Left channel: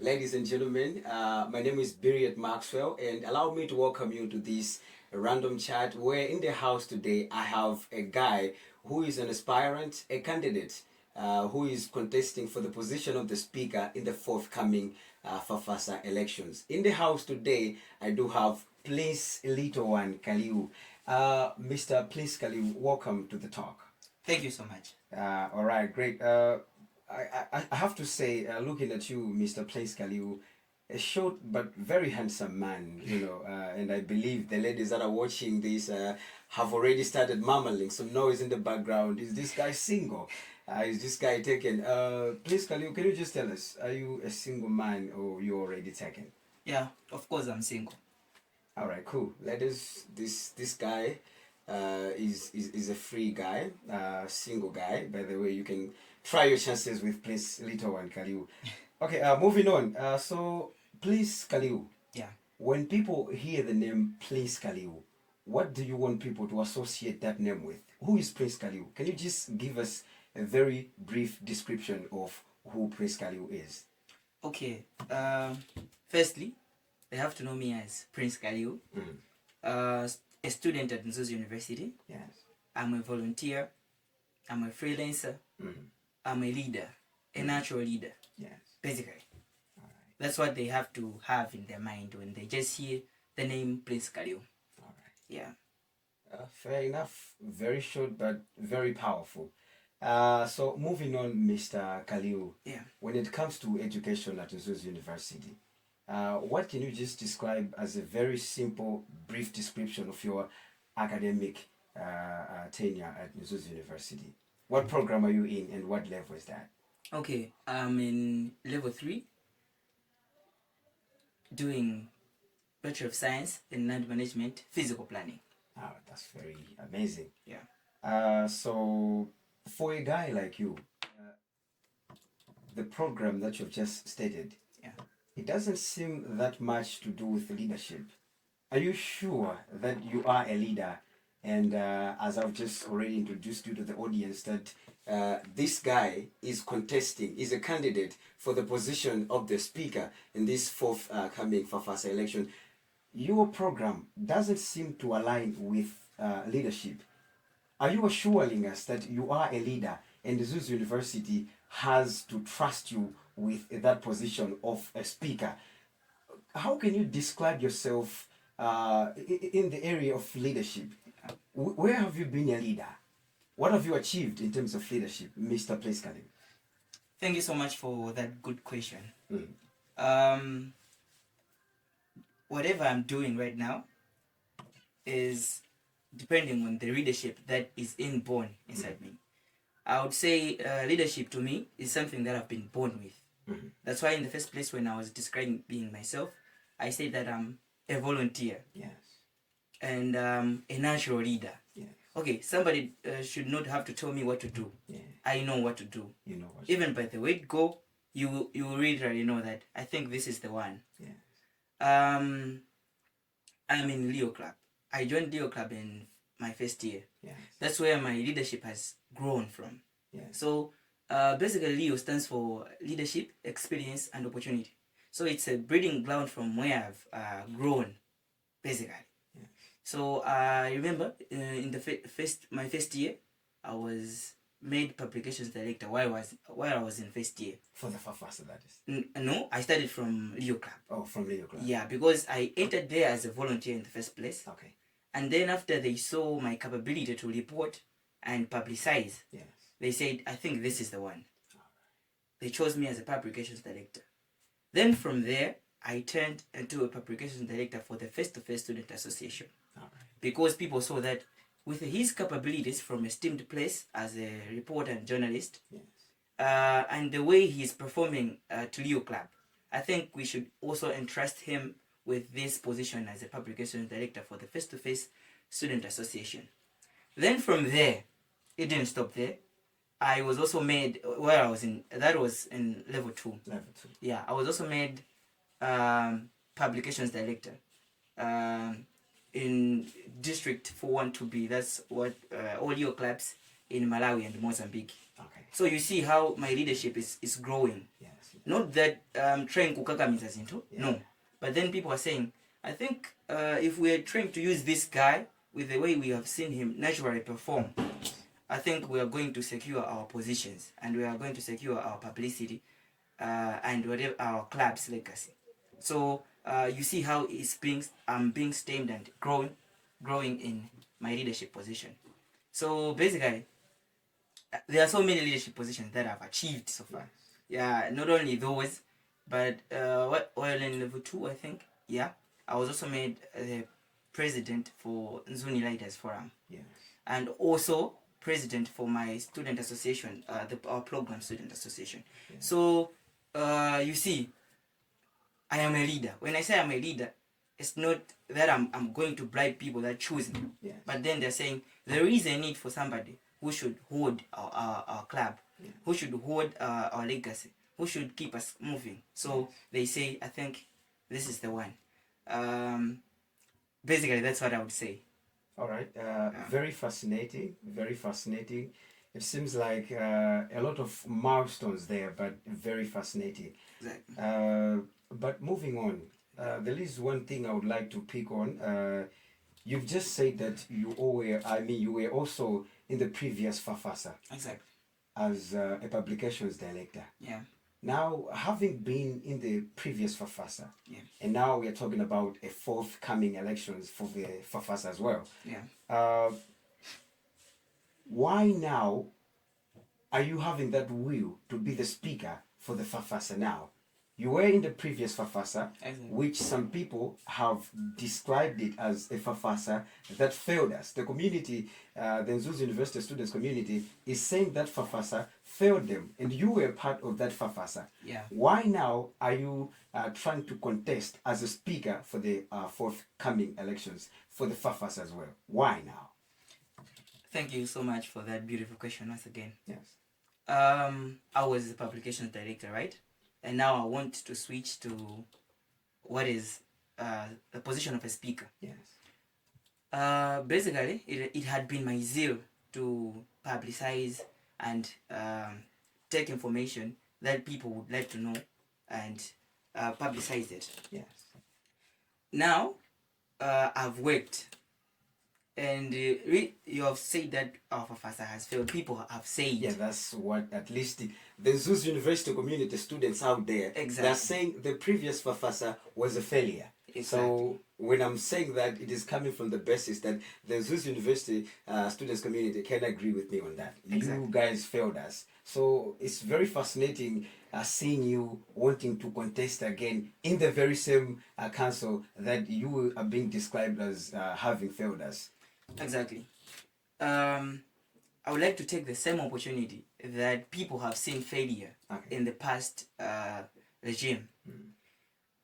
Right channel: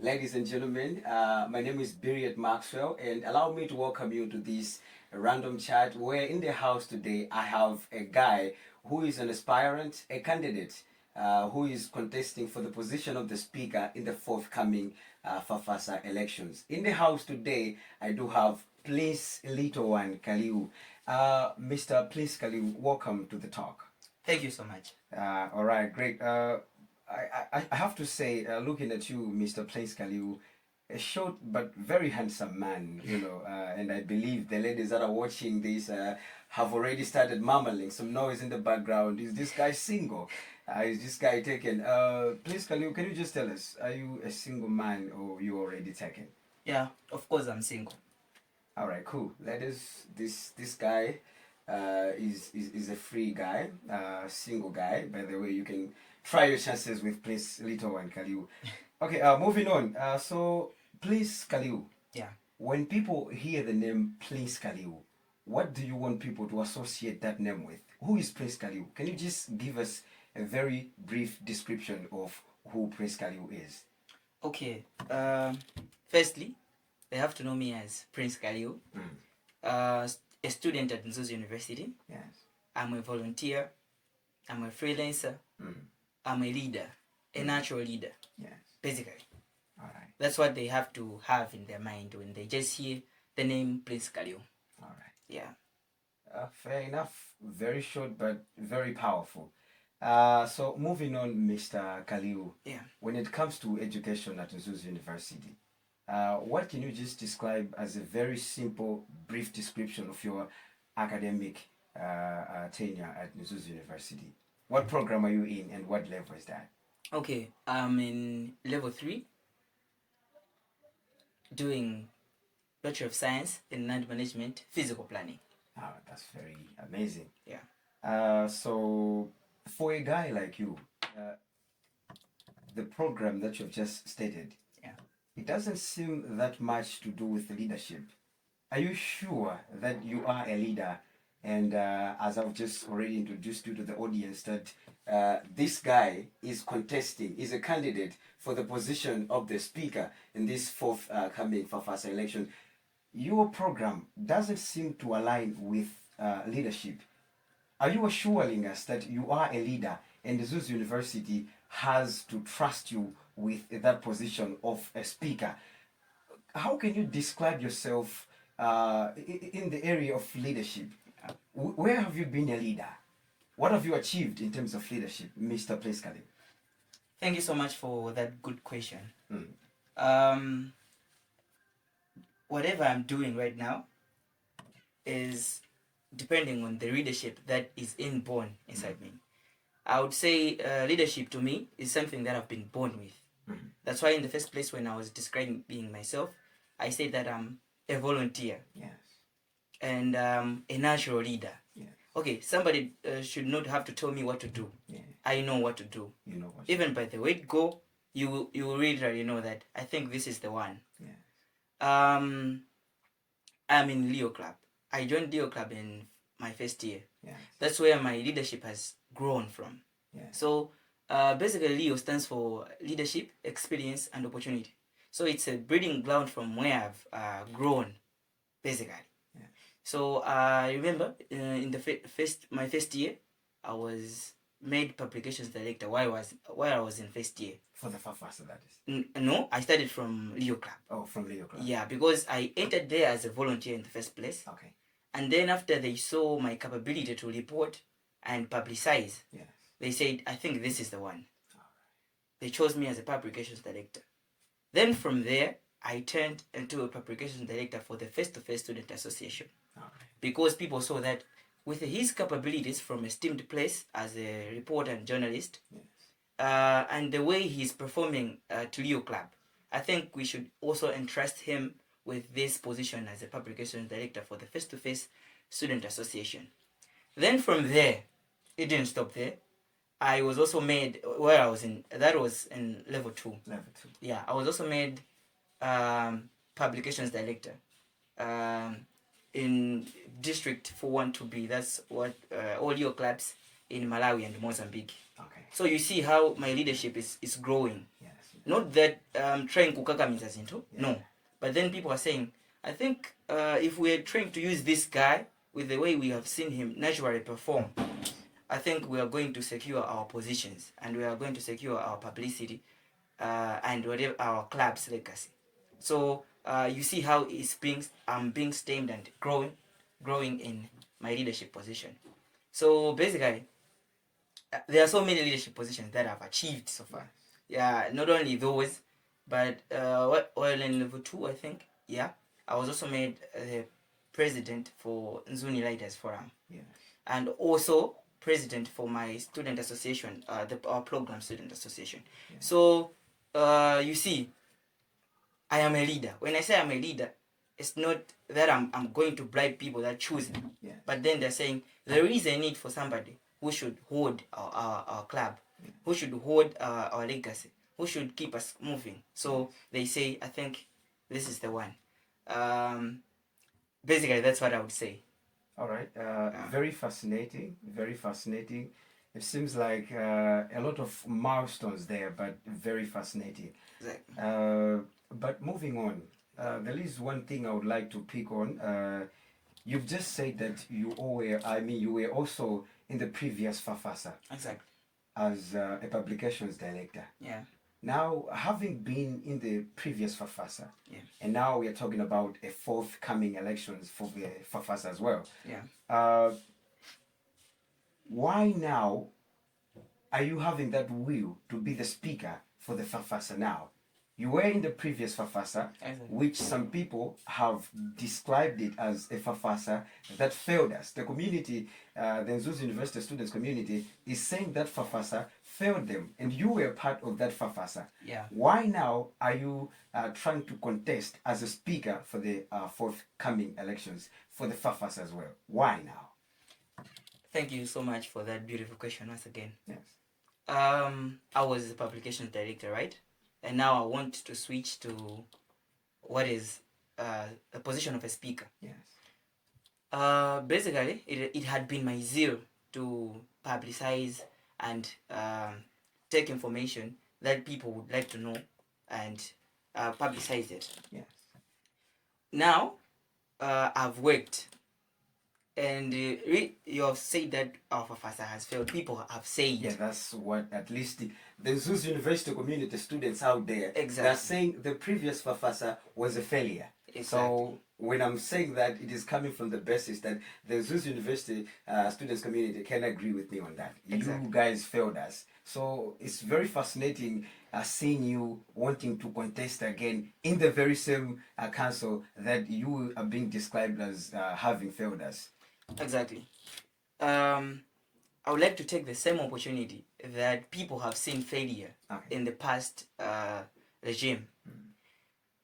Ladies and gentlemen, my name is Birriet Maxwell, and allow me to welcome you to this random chat where in the house today I have a guy who is an aspirant, a candidate who is contesting for the position of the speaker in the forthcoming FAFASA elections. In the house today, I do have Prince Kaliu. Mr. Prince Kaliu, welcome to the talk. Thank you so much. All right, great. I have to say, looking at you, Mr. Prince Kaliu, a short but very handsome man, you know, and I believe the ladies that are watching this have already started murmuring some noise in the background. Is this guy single? Is this guy taken? Prince Kaliu, can you just tell us, are you a single man or you already taken? Yeah, of course I'm single. All right, cool. Ladies, this guy is a free guy, single guy. By the way, you can try your chances with Prince Kaliu. Okay, moving on. So, Prince Kaliu. Yeah. When people hear the name Prince Kaliu, what do you want people to associate that name with? Who is Prince Kaliu? Can you just give us a very brief description of who Prince Kaliu is? Okay. Firstly, they have to know me as Prince Kaliu. A student at Mzuzu University. Yes. I'm a volunteer. I'm a freelancer. I'm a leader, a natural leader. Yes. Basically. All right. That's what they have to have in their mind when they just hear the name Prince Kaliu. All right. Yeah. Fair enough. Very short but very powerful. So moving on, Mr. Kaliu. Yeah. When it comes to education at Mzuzu University, what can you just describe as a very simple, brief description of your academic tenure at Mzuzu University? What program are you in and what level is that? Okay, I'm in level 3, doing Bachelor of Science in Land Management, Physical Planning. Oh, that's very amazing. Yeah. So for a guy like you, the program that you've just stated, yeah, it doesn't seem that much to do with leadership. Are you sure that you are a leader? And as I've just already introduced you to the audience, that this guy is contesting, is a candidate for the position of the speaker in this forthcoming FAFASA election. Your program doesn't seem to align with leadership. Are you assuring us that you are a leader and the Mzuzu University has to trust you with that position of a speaker? How can you describe yourself in the area of leadership? Where have you been a leader? What have you achieved in terms of leadership, Mr. Prince Kaliu? Thank you so much for that good question. Whatever I'm doing right now is depending on the leadership that is inborn inside me. I would say leadership to me is something that I've been born with. That's why in the first place when I was describing being myself, I said that I'm a volunteer. Yes. And a natural leader. Yes. Okay, somebody should not have to tell me what to do. Yeah. I know what to do. You know what. Even by the way it go, you really know that I think this is the one. Yes. I'm in Leo Club. I joined Leo Club in my first year. Yes. That's where my leadership has grown from. Yes. So basically Leo stands for leadership, experience, and opportunity. So it's a breeding ground from where I've grown, basically. So I remember in the my first year, I was made publications director while I was in first year. For the FAFASA, that is? No, I started from Leo Club. Oh, from Leo Club. Yeah, because I entered there as a volunteer in the first place. Okay. And then after they saw my capability to report and publicize, yes, they said, I think this is the one. They chose me as a publications director. Then from there, I turned into a publications director for the Face-to-Face Student Association. Because people saw that with his capabilities from a esteemed place as a reporter and journalist, yes, and the way he's performing to Leo Club, I think we should also entrust him with this position as a publications director for the Face-to-Face Student Association. Then from there, it didn't stop there. I was also made, where I was in, that was in level 2. Level 2. Yeah, I was also made publications director in District 412B. That's what all your clubs in Malawi and Mozambique. Okay. So you see how my leadership is growing. Yes. Not that trying kukakamiza zinto, Yeah. no. But then people are saying, I think if we're trying to use this guy with the way we have seen him naturally perform, I think we are going to secure our positions and we are going to secure our publicity and whatever our club's legacy. So you see how I'm being stemmed and growing in my leadership position. So basically, there are so many leadership positions that I've achieved so far. Yeah, not only those, but while in level 2, I think, yeah, I was also made president for MZUNI Leaders Forum. Yes. And also president for my student association, our program student association. Yeah. So you see, I am a leader. When I say I'm a leader, it's not that I'm going to bribe people that choose me. Yes. But then they're saying there is a need for somebody who should hold our club, yeah, who should hold our legacy, who should keep us moving. So they say, I think this is the one. Basically, that's what I would say. All right. Very fascinating. Very fascinating. It seems like a lot of milestones there, but very fascinating. Exactly. But moving on, there is one thing I would like to pick on. You've just said that you were also in the previous FAFASA. Exactly. As a publications director. Yeah. Now, having been in the previous FAFASA, yeah, and now we are talking about a forthcoming elections for the FAFASA as well. Yeah. Why now are you having that will to be the speaker for the FAFASA now? You were in the previous FAFASA, exactly, which some people have described it as a FAFASA that failed us. The community, the Mzuzu University students community, is saying that FAFASA failed them, and you were part of that FAFASA. Yeah. Why now are you trying to contest as a speaker for the forthcoming elections for the FAFASA as well? Why now? Thank you so much for that beautiful question once again. Yes. I was the publications director, right? And now I want to switch to what is the position of a speaker. Yes. Basically, it had been my zeal to publicize and take information that people would like to know and publicize it. Yes. Now, I've worked. And you have said that our FAFASA has failed. People have said. Yeah, that's what at least the Mzuzu University community students out there, exactly, they're saying the previous FAFASA was a failure. Exactly. So when I'm saying that, it is coming from the basis that the Mzuzu University students community can agree with me on that. Exactly. You guys failed us. So it's very fascinating seeing you wanting to contest again in the very same council that you are being described as having failed us. Exactly. I would like to take the same opportunity that people have seen failure in the past regime.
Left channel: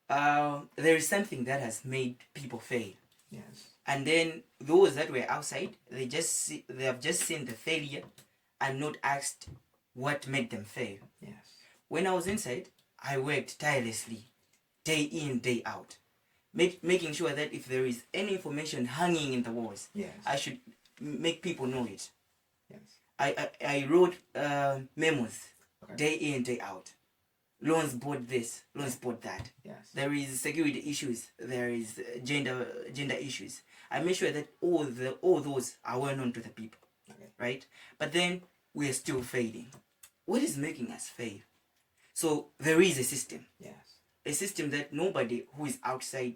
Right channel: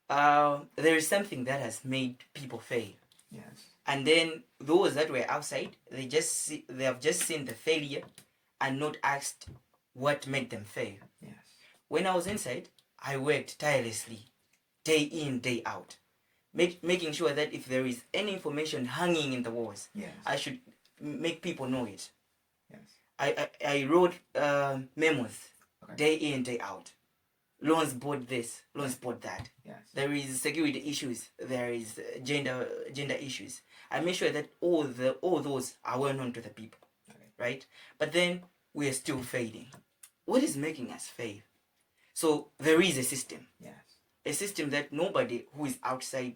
There is something that has made people fail. Yes. And then those that were outside, they have just seen the failure and not asked what made them fail. Yes. When I was inside, I worked tirelessly, day in, day out. Making sure that if there is any information hanging in the walls, yes, I should make people know it. Yes. I wrote memos, day in, day out. Loans board this, loans board that. Yes. There is security issues. There is gender issues. I make sure that all those are well known to the people, right? But then we are still failing. What is making us fail? So there is a system. Yes. A system that nobody who is outside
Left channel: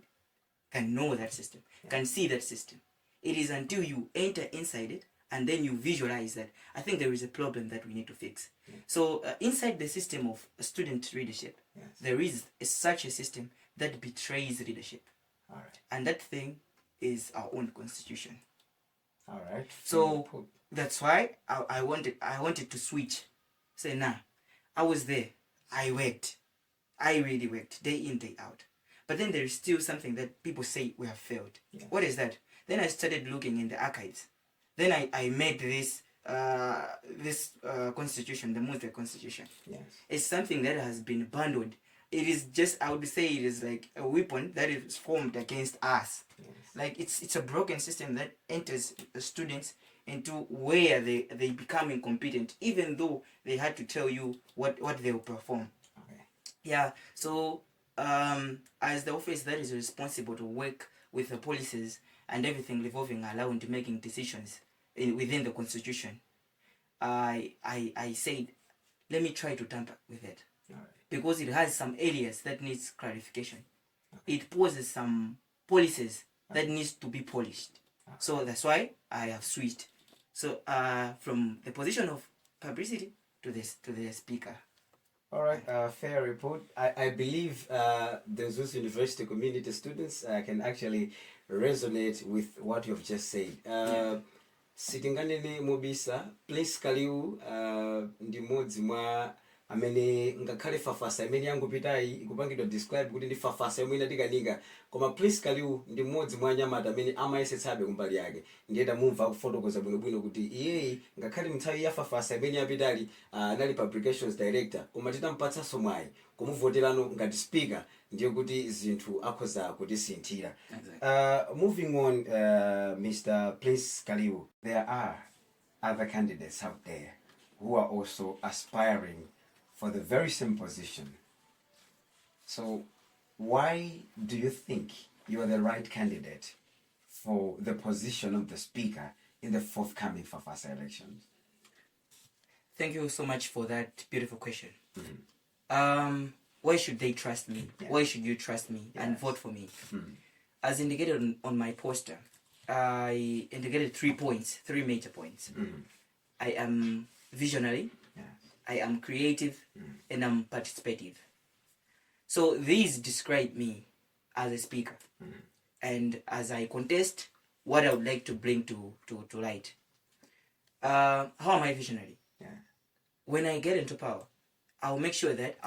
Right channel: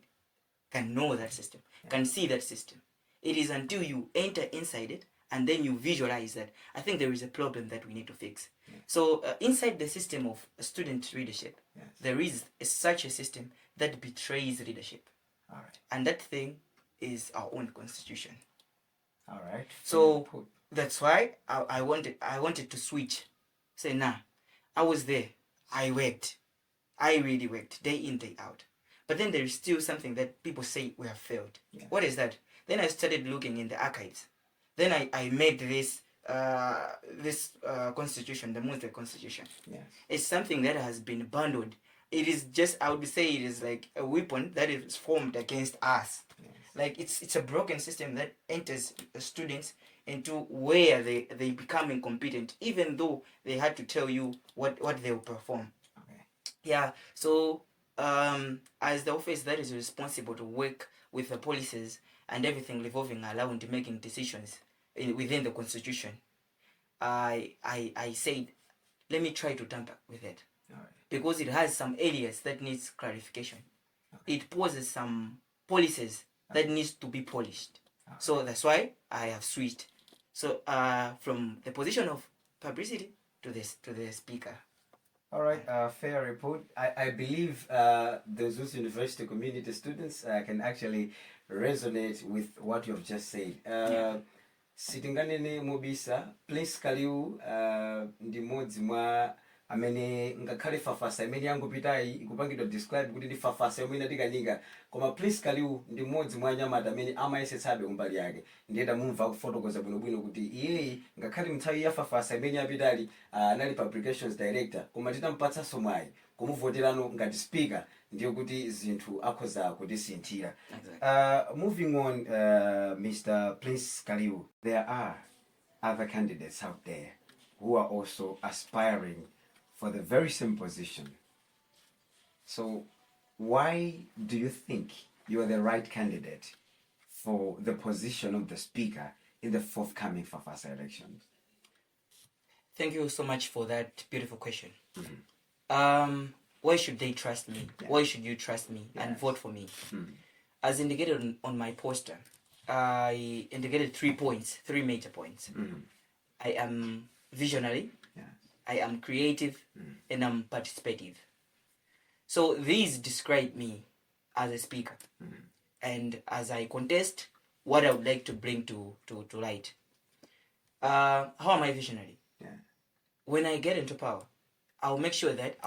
can know that system, can see that system. It is until you enter inside it and then you visualize that I think there is a problem that we need to fix. Yes. So inside the system of student leadership, yes, there is such a system that betrays leadership. All right. And that thing is our own constitution. All right. So that's why I wanted to switch. Say, nah, I was there. I worked. I really worked day in, day out. But then there is still something that people say we have failed. Yes. What is that? Then I started looking in the archives. Then I made this constitution, the Mzuzu constitution. Yes. It's something that has been bundled. It is just, I would say it is like a weapon that is formed against us. Yes. Like it's a broken system that enters the students into where they become incompetent, even though they had to tell you what they will perform. Okay. Yeah. So as the office that is responsible to work with the policies and everything revolving around making decisions within the constitution, I said, let me try to tamper with it. All right. Because it has some areas that needs clarification. Okay. It poses some policies that needs to be polished. Okay. So that's why I have switched. So from the position of publicity to the speaker. All right, fair report. I believe the Mzuzu University community students can actually resonate with what you have just said. Sitinganene mobisa Prince Kaliu ndi modzi mwa amene ngakhale FAFASA imene yangopitayi ikupangidwa describe kuti ndi FAFASA yomwe inatikanika, koma Prince Kaliu ndi modzi mwa anyamata amene amayesetsabe kumbali yake. Ndiye tamumva kufotokoza bwinobwino kuti iyeyi ngakhale mnthawi ya FAFASA imene yapitali anali publications director, koma titampatsanso mwayi kumuvoterano ngati speaker, ndiye kuti zinthu akhoza kutisinthira. Moving on, Mr. Prince Kaliu, there are other candidates out there who are also aspiring for the very same position. So why do you think you are the right candidate for the position of the speaker in the forthcoming FAFASA elections? Thank you so much for that beautiful question. Mm-hmm. Why should they trust me? Yeah. Why should you trust me and vote for me? Mm-hmm. As indicated on my poster, I indicated 3 points, 3 major points. Mm-hmm. I am visionary, I am creative, and I'm participative. So these describe me as a speaker. And as I contest what I would like to bring to light. How am I visionary? When I get into power, I'll make sure that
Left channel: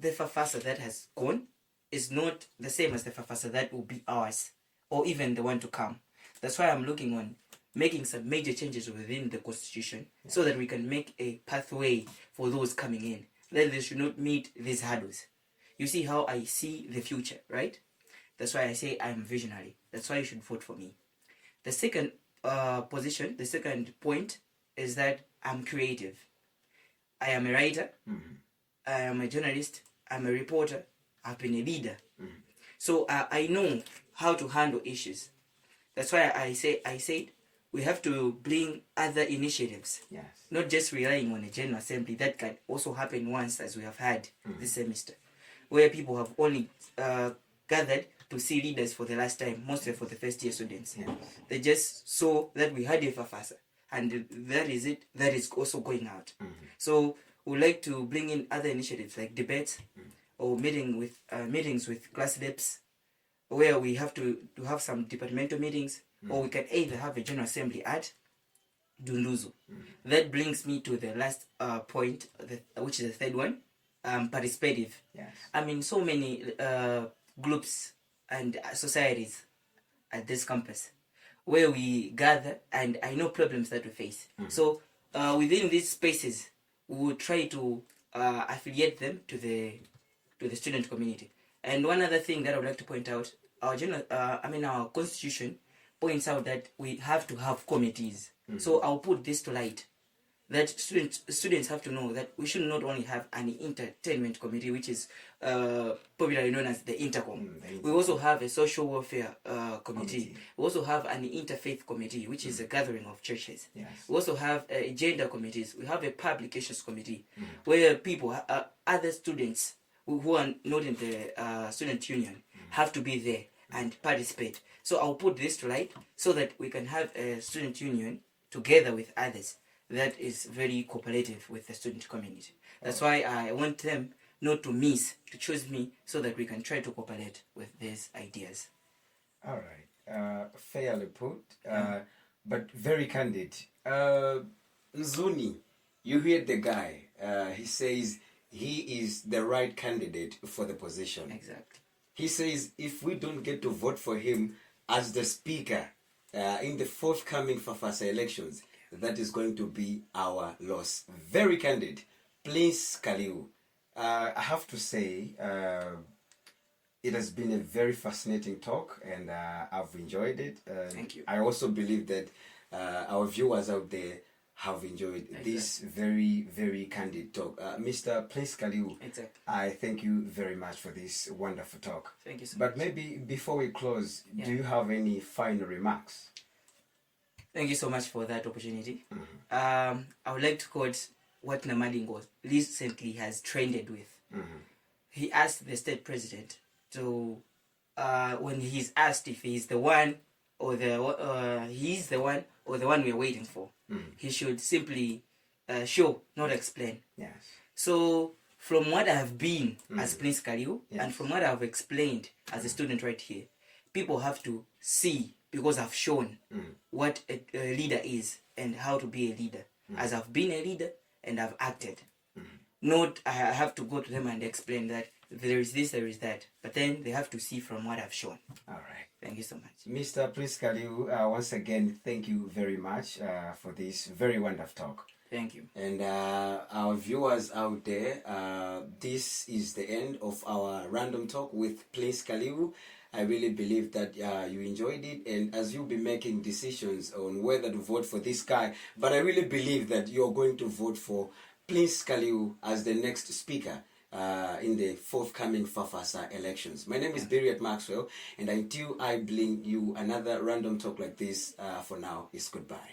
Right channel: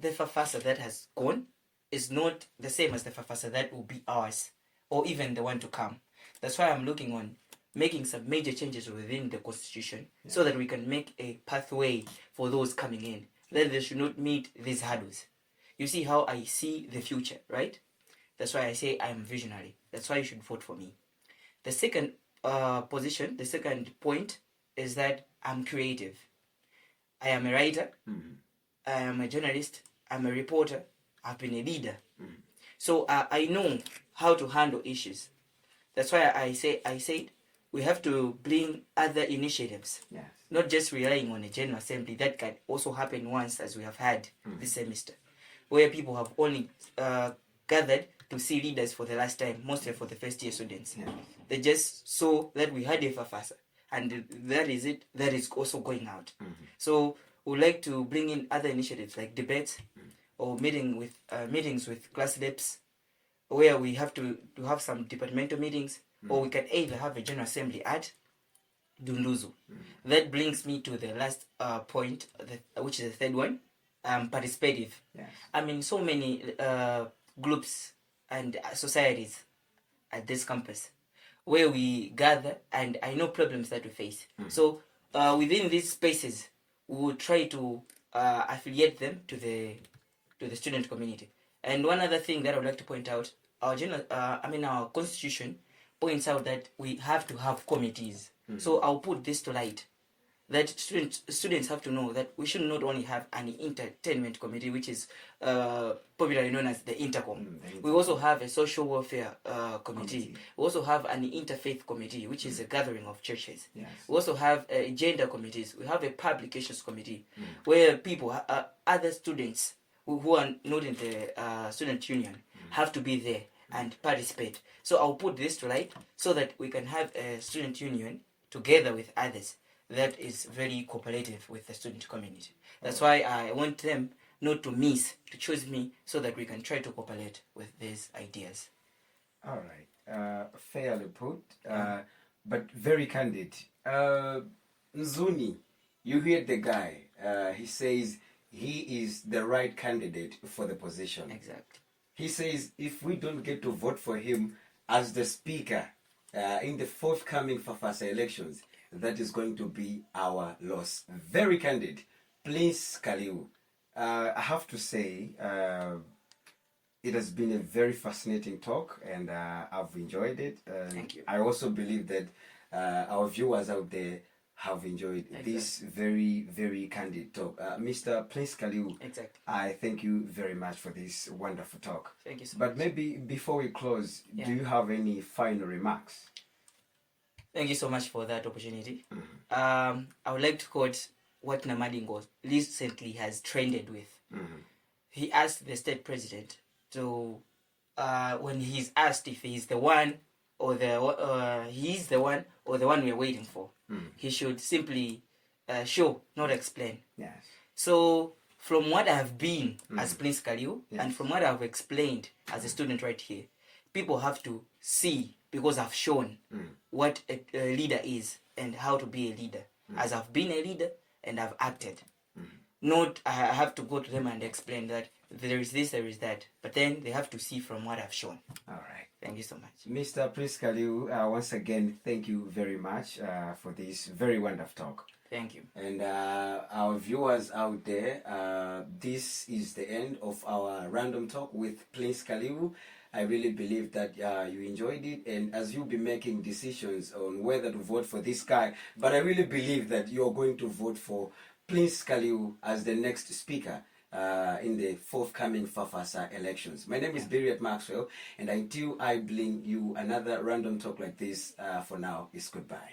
the FAFASA that has gone is not the same as the FAFASA that will be ours, or even the one to come. That's why I'm looking on making some major changes within the constitution, so that we can make a pathway for those coming in, that they should not meet these hurdles. You see how I see the future, right? That's why I say I'm visionary. That's why you should vote for me. The second position, the second point is that I'm creative. I am a writer, I am a journalist, I'm a reporter, I've been a leader. So I know how to handle issues. That's why I said we have to bring other initiatives, not just relying on a general assembly that can also happen once, as we have had this semester, where people have only gathered to see leaders for the last time, mostly for the first year students. They just saw that we had a FAFASA, and that is it, that is also going out. So we would like to bring in other initiatives like debates or meetings with class reps, where we have to have some departmental meetings, or we can either have a general assembly at Mzuzu. That brings me to the last point, which is the third one, participative. I mean, so many groups and societies at this campus where we gather, and I know problems that we face. So within these spaces, we will try to affiliate them to the student community. And one other thing that I would like to point out, our constitution points out that we have to have committees. So I'll put this to light, that students have to know that we should not only have an entertainment committee, which is popularly known as the Intercom. We also have a social welfare committee. We also have an interfaith committee, which is a gathering of churches. We also have gender committees. We have a publications committee, where people, other students who are not in the student union, have to be there and participate. So I'll put this to light so that we can have a student union together with others that is very cooperative with the student community. That's why I want them not to choose me, so that we can try to cooperate with these ideas. All right. Fairly put, but very candid. MZUNI, you hear the guy. He says he is the right candidate for the position. Exactly. He says if we don't get to vote for him as the speaker in the forthcoming FAFASA elections, that is going to be our loss. Very candid. Prince Kaliu. I have to say, it has been a very fascinating talk, and I've enjoyed it. Thank you. I also believe that our viewers out there have enjoyed this very, very candid talk. Mr. Prince Kaliu, Exactly. I thank you very much for this wonderful talk. Thank you so much. But maybe before we close, Yeah. do you have any final remarks? Thank you so much for that opportunity. I would like to quote what Namadingo recently has trended with. He asked the state president to, when he's asked if he's the one or he's the one or the one we're waiting for, he should simply show, not explain. Yes. So from what I have been as Prince Kaliu, and from what I've explained as a student right here, people have to see, because I've shown what a leader is and how to be a leader. As I've been a leader and I've acted. Not I have to go to them and explain that there is this, there is that. But then they have to see from what I've shown. All right. Thank you so much. Mr. Prince Kaliu, once again, thank you very much for this very wonderful talk. Thank you. And our viewers out there, this is the end of our random talk with Prince Kaliu. I really believe that you enjoyed it, and as you'll be making decisions on whether to vote for this guy, but I really believe that you're going to vote for Prince Kaliu as the next speaker in the forthcoming FAFASA elections. My name is Biriat Maxwell, and until I bring you another random talk like this, for now, it's goodbye.